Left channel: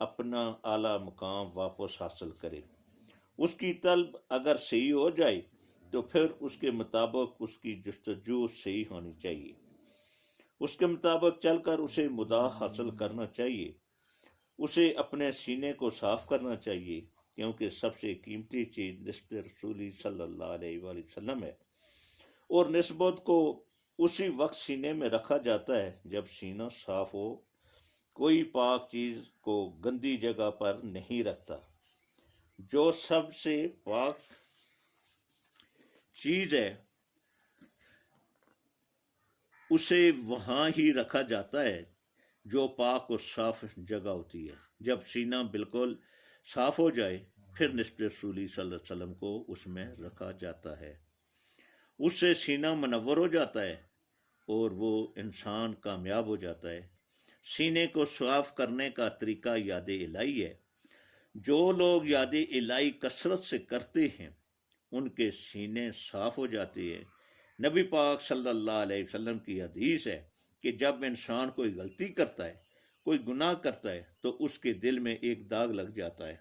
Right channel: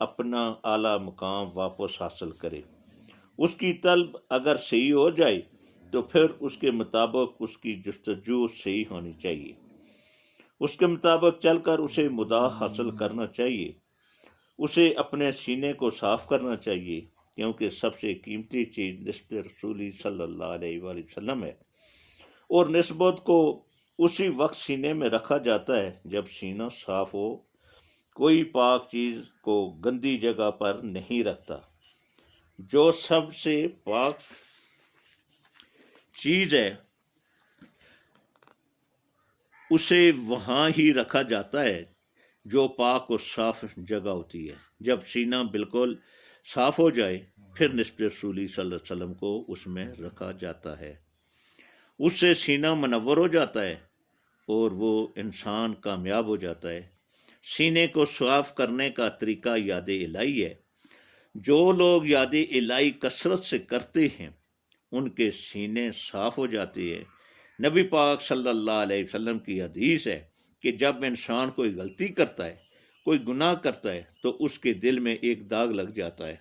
اپنا اعلیٰ مقام واپس حاصل کرے۔ اس کی طلب اگر صحیح ہو جائے تو پھر اس کے مطابق اس کی جستجو صحیح ہونی چاہیے، اس کے مطابق چل کر اسے مداح حاصل کرنا چاہیے، اسے اپنے سینے کو صاف کرنا چاہیے، کیونکہ سب سے قیمتی چیز نسبت رسولی صلی اللہ علیہ وآلہ وسلم ہے، اور نسبت کو اسی وقت سینے میں رکھا جاتا ہے جب سینہ صاف ہو۔ کوئی پاک چیز کو گندی جگہ پر نہیں رکھتا، جو سب سے پاک چیز ہے اسے وہاں ہی رکھا جاتا ہے جو پاک اور صاف جگہ ہوتی ہے۔ جب سینہ بالکل صاف ہو جائے پھر نسبت رسولی صلی اللہ علیہ وسلم کو اس میں رکھا جاتا ہے، اس سے سینہ منور ہو جاتا ہے اور وہ انسان کامیاب ہو جاتا ہے۔ سینے کو صاف کرنے کا طریقہ یاد الہی ہے۔ جو لوگ یاد الہی کثرت سے کرتے ہیں ان کے سینے صاف ہو جاتے ہیں۔ نبی پاک صلی اللہ علیہ وسلم کی حدیث ہے کہ جب انسان کوئی غلطی کرتا ہے، کوئی گناہ کرتا ہے تو اس کے دل میں ایک داغ لگ جاتا ہے۔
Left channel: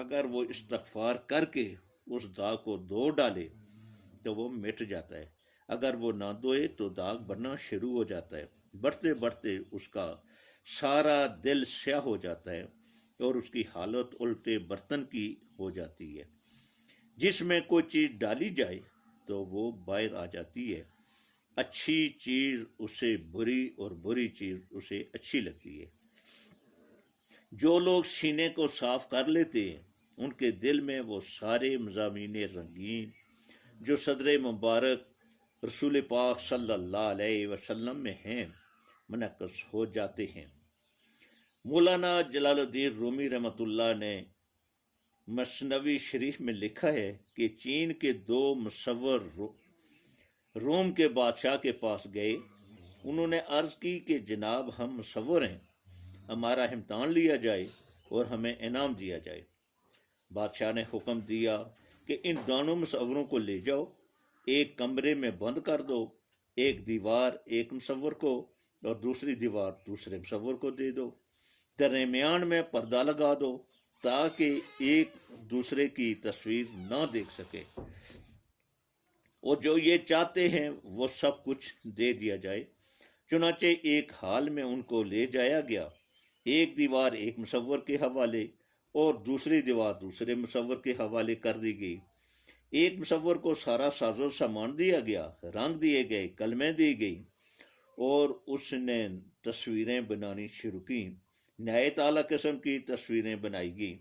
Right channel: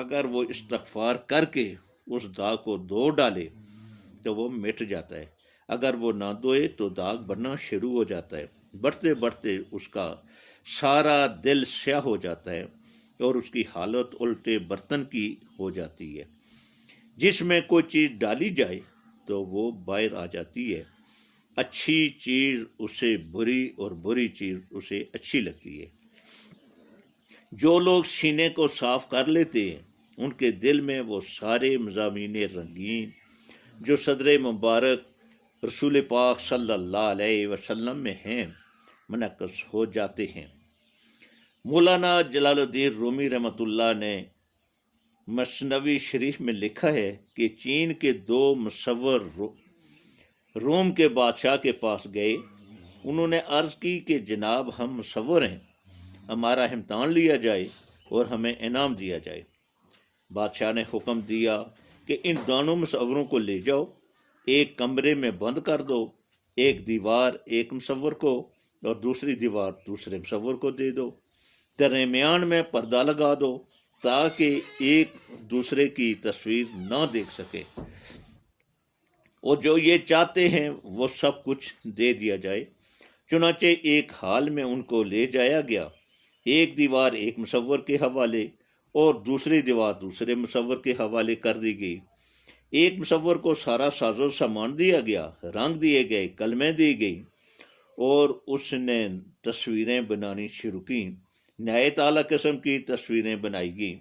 اگر وہ استغفار کر کے اس داغ کو دھو ڈالے تو وہ مٹ جاتا ہے، اگر وہ نہ دھوئے تو داغ بڑھنا شروع ہو جاتا ہے، بڑھتے بڑھتے اس کا سارا دل سیاہ ہو جاتا ہے اور اس کی حالت الٹے برتن کی ہو جاتی ہے۔ جس میں کوئی چیز ڈالی جائے تو وہ باہر آ جاتی ہے، اچھی چیز اسے بری اور بری چیز اسے اچھی لگتی ہے۔ جو لوگ سینے کو صاف کر لیتے ہیں ان کے دل میں وہ سارے مضامین رنگین جو صدر مبارک رسول پاک صلی اللہ علیہ وسلم میں ہیں منعکس ہو جاتے ہیں۔ مولانا جلال الدین رومی رحمۃ اللہ نے مثنوی شریف میں لکھا ہے کہ چین کے دو مصور روم کے بادشاہ کے پاس گئے، انہوں نے عرض کی کہ جناب ہم مصور ہیں، ہمارا امتحان لیا جائے اور ہمیں انعام دیا جائے۔ بادشاہ نے حکم دیا کہ ان دونوں مصوروں کو لے جاؤ، ایک کمرے میں بند کر دو، ایک دیوار ایک مصور کو اور دوسری دیوار دوسرے مصور کو دے دو، درمیان میں پردہ لگا دو تاکہ ایک دوسرے کی تصویر نہ دیکھ سکے، اور جو یہ چاہتے ہیں وہ سب کچھ دے دیا جائے۔ چنانچہ ایک حال میں ان کو لے جایا گیا، ایک دیوار ایک مصور کے حوالے اور دوسری دیوار دوسرے مصور کے حوالے کر دی گئی۔ ایک مصور کو سارا ساز و سامان دیا گیا، رنگ دیے گئے، قلمیں دی گئی اور اس نے تصویریں بنانی شروع کی، نہایت اعلیٰ قسم کی تصویریں بنائی گئی۔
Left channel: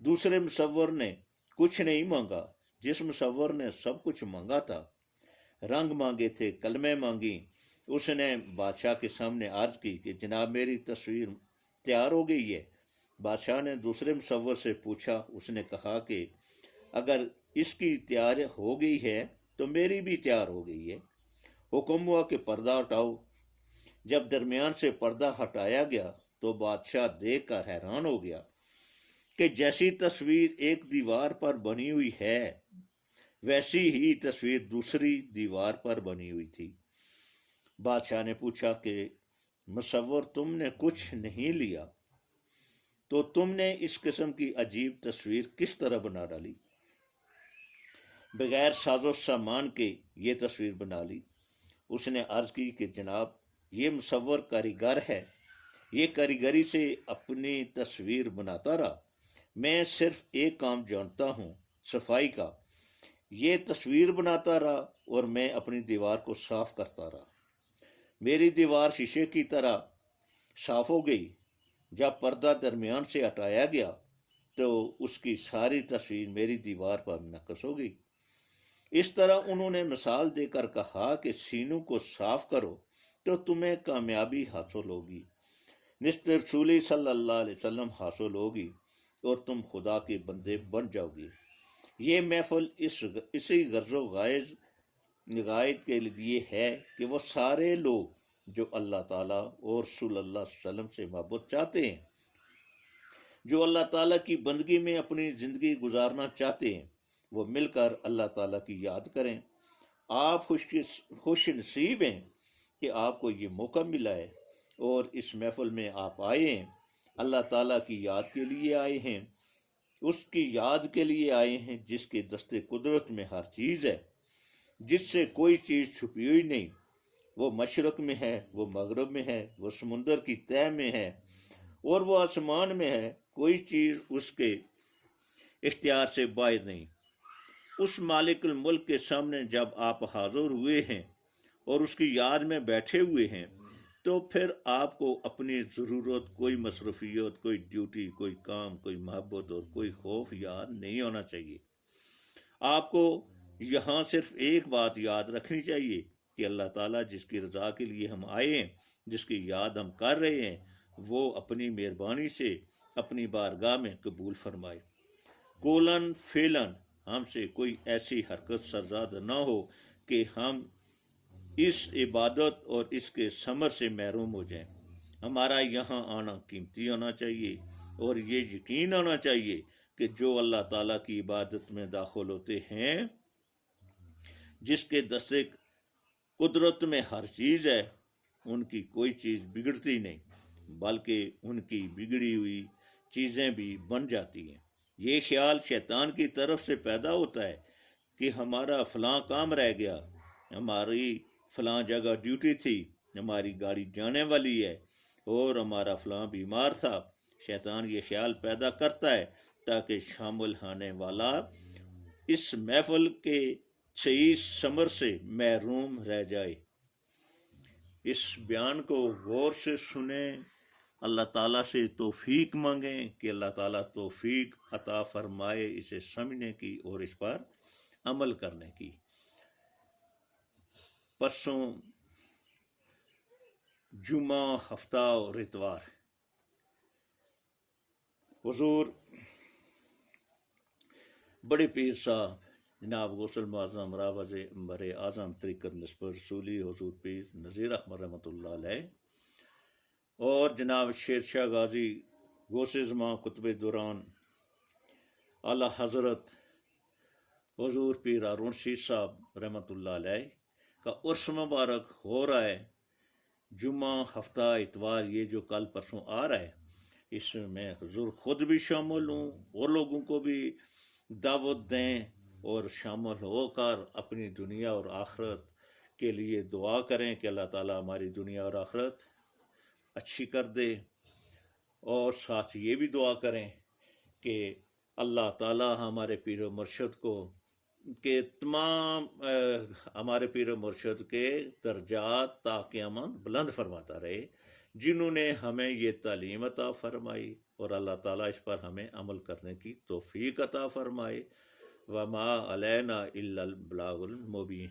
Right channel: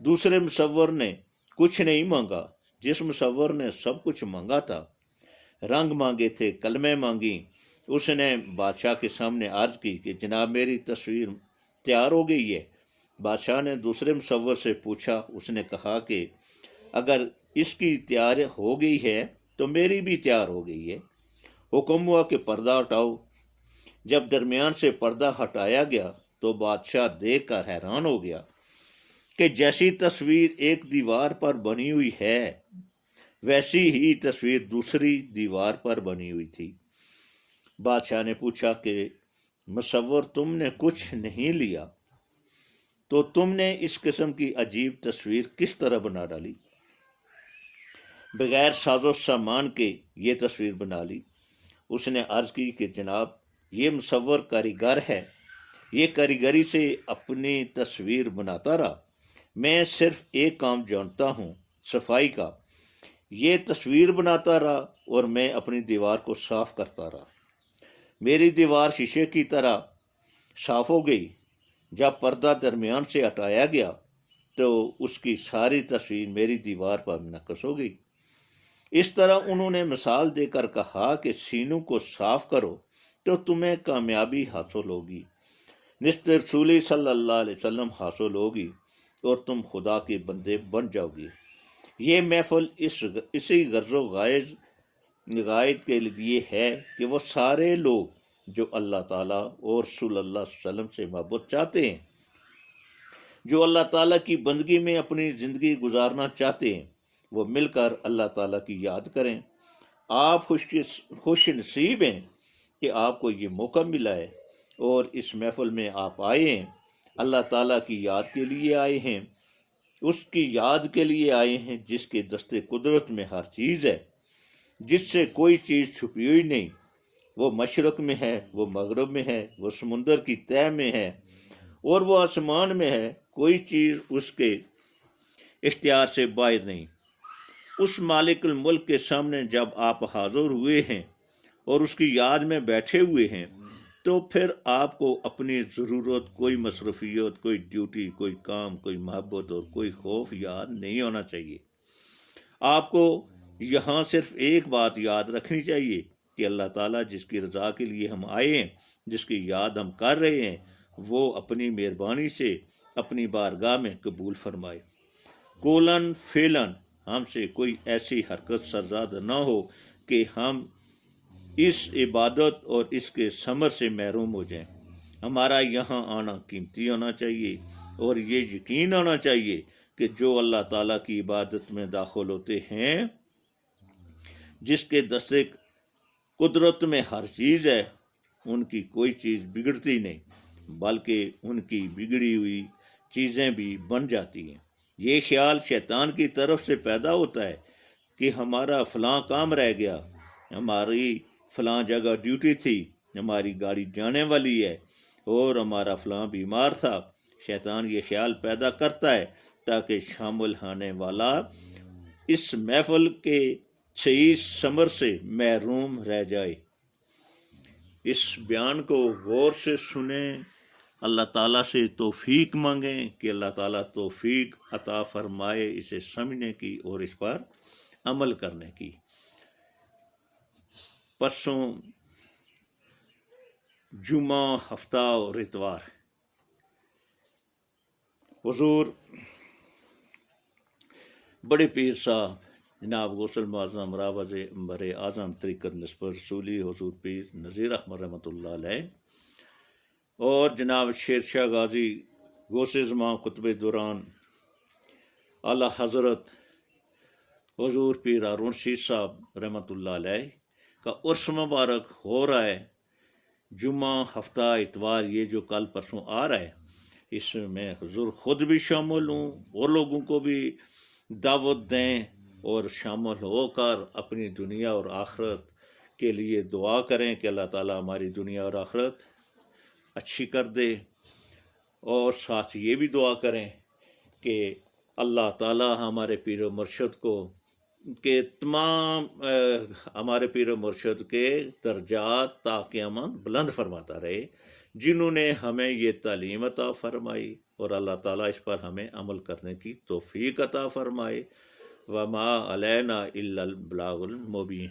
دوسرے مصور نے کچھ نہیں مانگا، جس مصور نے سب کچھ مانگا تھا، رنگ مانگے تھے، قلمیں مانگی، اس نے بادشاہ کے سامنے عرض کی کہ جناب میری تصویر تیار ہو گئی ہے۔ بادشاہ نے دوسرے مصور سے پوچھا، اس نے کہا کہ اگر اس کی تیار ہو گئی ہے تو میری بھی تیار ہو گئی ہے۔ حکم ہوا کہ پردہ ہٹاؤ۔ جب درمیان سے پردہ ہٹایا گیا تو بادشاہ دیکھ کر حیران ہو گیا کہ جیسی تصویر ایک دیوار پر بنی ہوئی ہے ویسی ہی تصویر دوسری دیوار پر بنی ہوئی تھی۔ بادشاہ نے پوچھا کہ مصور تم نے کچھ نہیں لیا تو تم نے اس قسم کی عجیب تصویر کس طرح بنا ڈالی؟ بغیر ساز و سامان کے یہ تصویر بنا لی۔ اس نے عرض کی کہ جناب یہ مصور کاریگر ہے، یہ کاریگری سے اپنی تصویر بناتا رہا، میں صرف ایک کام جانتا ہوں صفائی کا، یہ تصویر بناتا رہا اور میں اپنی دیوار کو صاف کرتا رہا۔ میری دیوار شیشے کی طرح صاف ہو گئی۔ جب پردہ درمیان سے ہٹایا گیا تو اس کی ساری تصویر میری دیوار پر منعکس ہو گئی۔ اس طرح انہوں نے مثال دے کر کہا کہ سینوں کو صاف کرو تو تمہیں کامیابی حاصل ہوگی، نسبت رسول صلی اللہ علیہ وسلم حاصل ہوگی اور تم خدا کے بندے بن جاؤ گی۔ یہ محفل اسی غرض و غایت کے لیے ہے کہ وہ سارے لوگ جو اللہ تعالیٰ اور رسول اللہ صلی اللہ علیہ وسلم سے محبت چاہتے ہیں، جو اللہ تعالیٰ کی بندگی میں اپنی زندگی گزارنا چاہتے ہیں، وہ مل کر اللہ تعالیٰ کی یاد کریں۔ آپ خوش نصیب ہیں کہ آپ کو یہ موقع ملا ہے اور اس محفل میں آپ آئے ہیں۔ اللہ تعالیٰ کی یاد کے لیے آئے ہیں، اس کی یاد کے لیے آئے ہیں جس کے دستے قدرت میں ہر چیز ہے، جس سے کوئی چیز چھپی ہوئی نہیں، وہ مشرق میں ہے، وہ مغرب میں ہے، وہ سمندر کی تہہ میں ہے اور وہ آسمان میں ہے، کوئی چیز اس کے اختیار سے باہر نہیں۔ اس مالک الملک کے سامنے جب آپ حاضر ہوئے ہیں اور اس کی یاد میں بیٹھے ہوئے ہیں تو پھر آپ کو اپنی ضرورت، کوئی مصروفیت، کوئی ڈیوٹی، کوئی کام، کوئی محبت اور کوئی خوف یاد نہیں ہونا چاہیے۔ آپ کو یہاں صرف ایک بات یاد رکھنی چاہیے کہ اللہ تعالیٰ جس کی رضا کے لیے ہم آئے ہیں، جس کی یاد ہم کر رہے ہیں، وہ اپنی مہربانی سے اپنی بارگاہ میں قبول فرمائے۔ قولاً فعلاً ہم سے کوئی ایسی حرکت سرزاد نہ ہو کہ ہم اس عبادت اور اس کے ثمر سے محروم ہو جائیں۔ ہمارا یہاں آنا قیمتی ہونا چاہیے اور یہ یقین ہونا چاہیے کہ جو اللہ تعالیٰ کی عبادت میں داخل ہوتے ہیں، جس کے دستے قدرت میں ہر چیز ہے، ان کی کوئی چیز بگڑتی نہیں بلکہ ان کی بگڑی ہوئی چیزیں بھی بن جاتی ہیں۔ یہ خیال شیطان کی طرف سے پیدا ہوتا ہے کہ ہمارا فلاں کام رہ گیا، ہماری فلاں جگہ ڈیوٹی تھی، ہماری گاڑی جانے والی ہے اور ہمارا فلاں بیمار تھا۔ شیطان یہ خیال پیدا کرتا ہے تاکہ شامل ہونے والا اس محفل کے صحیح ثمر سے محروم رہ جائے۔ اس بیان کو غور سے سنیں، اللہ تعالیٰ سے توفیق مانگیں کہ اللہ تعالیٰ توفیق عطا فرمائے اسے سمجھنے کی اور اس پر عمل کرنے کی۔ پرسوں جمعہ، ہفتہ اور اتوار حضور بڑے پیر صاحب جناب غوث المعظم راوز بر اعظم طریقت نسبت رسولی حضور پیر نذیر احمد رحمۃ اللہ علیہ اور جناب شیر شاہ غازی غوث زمان قطب دوران اعلیٰ حضرت حضور پیر ہارون رشید صاحب رحمۃ اللہ علیہ کا عرس مبارک ہو رہا ہے۔ جمعہ، ہفتہ، اتوار یہ جو کل پرسوں آ رہا ہے، اس میں حضور خود بھی شامل ہوں اور لوگوں کو بھی دعوت دیں اور شامل ہو کر اپنی دنیا اور آخرت کے لیے دعا کریں کہ اللہ تعالیٰ ہماری دنیا اور آخرت اچھی کر دے، اور ساتھ یہ بھی دعا کریں کہ اللہ تعالیٰ ہمارے پیر و مرشد کو کہ تمام ہمارے پیر و مرشد کے درجات تا قیامت بلند فرماتا رہے، جنہوں نے ہمیں یہ تعلیم عطا فرمائی، اور اللہ تعالیٰ اس پر ہمیں عمل کرنے کی توفیق عطا فرمائے۔ وما علینا الا البلاغ المبین۔